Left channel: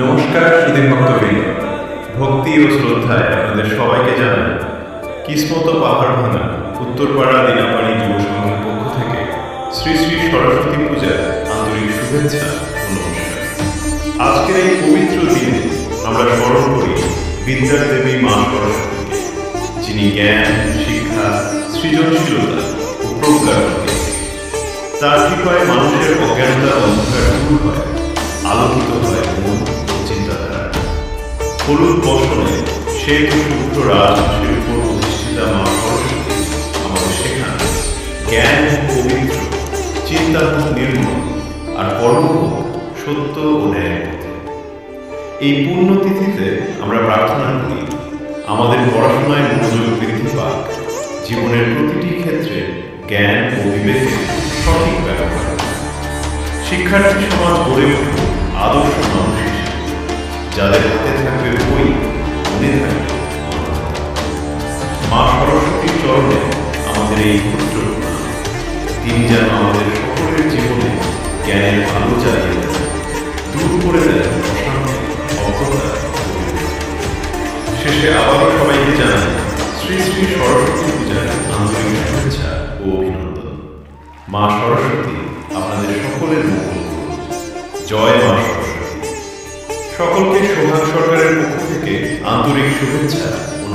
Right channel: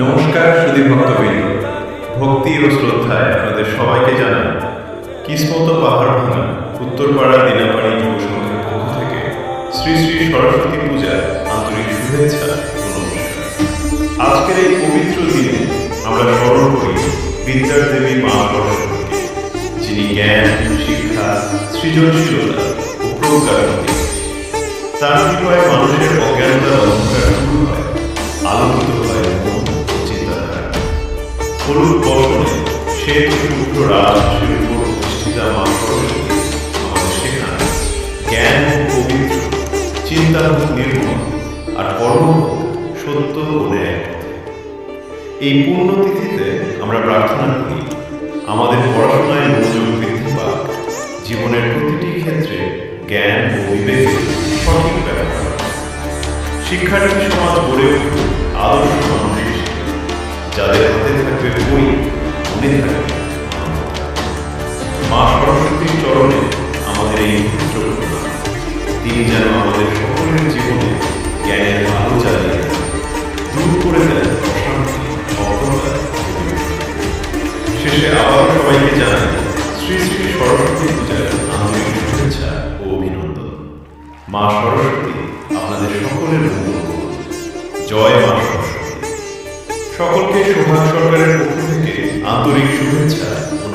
নমস্কার সুধী ভক্তবৃন্দ, ভক্তি ও শ্রদ্ধায় আপনাদের সবাইকে জানাই কিসমত পাহাড় ভাঙা উত্তরপাড়া দিনাপাড়ি যুব সংঘের পক্ষ থেকে শ্রী শ্রী সরস্বতী পূজার আন্তরিক শুভেচ্ছা ও নমস্কার। আজকের এই পবিত্র দিনে আমরা স্মরণ করি বিদ্যার দেবী মা সরস্বতীকে, যিনি জ্ঞান, শিক্ষা, সৃজনশীলতা ও প্রজ্ঞার প্রতীক। তার কৃপায় মানুষের অজ্ঞানতার অন্ধকার দূর হয়, আলোকিত হয় মন ও চিন্তাধারা। হলুদ বসনে শ্বেত শুভ্র রাজহাঁসের উপর প্রতিষ্ঠিতা মা সরস্বতী আমাদের শেখান জ্ঞান হোক পবিত্র, চিন্তা হোক নির্মল, আর কর্ম হোক সত্য ও ন্যায়ের পথে। এই পুণ্যতিথিতে আমরা প্রার্থনা করি আমাদের পড়াশোনায় মনোযোগ বৃদ্ধি পাক, জীবনের প্রতিটি ক্ষেত্রে জ্ঞান ও বিবেকের সঠিক ব্যবহার, শিক্ষার্থী সমাজ গড়ে উঠুক আদর্শ মানুষ হিসেবে, যাদের হাতে থাকবে বই, মনে থাকবে মানবতা। মা সরস্বতীর চরণে আমাদের এই ক্ষুদ্র প্রণাম। তিনি যেন আমাদের সকলের জীবনে জ্ঞানের আলো জ্বালিয়ে দেন, দূর করে দেন অশান্তি, অজ্ঞতা। শেষে আবারও সবাইকে জানাই শ্রী শ্রী সরস্বতী পূজার আন্তরিক শুভেচ্ছা ও অভিনন্দন। মা সরস্বতী আপনাদের সকলের মঙ্গল করুন। জয় মা সরস্বতী। সকলকে সোহাগ সরকারের পক্ষ থেকে আন্তরিক শুভেচ্ছা ও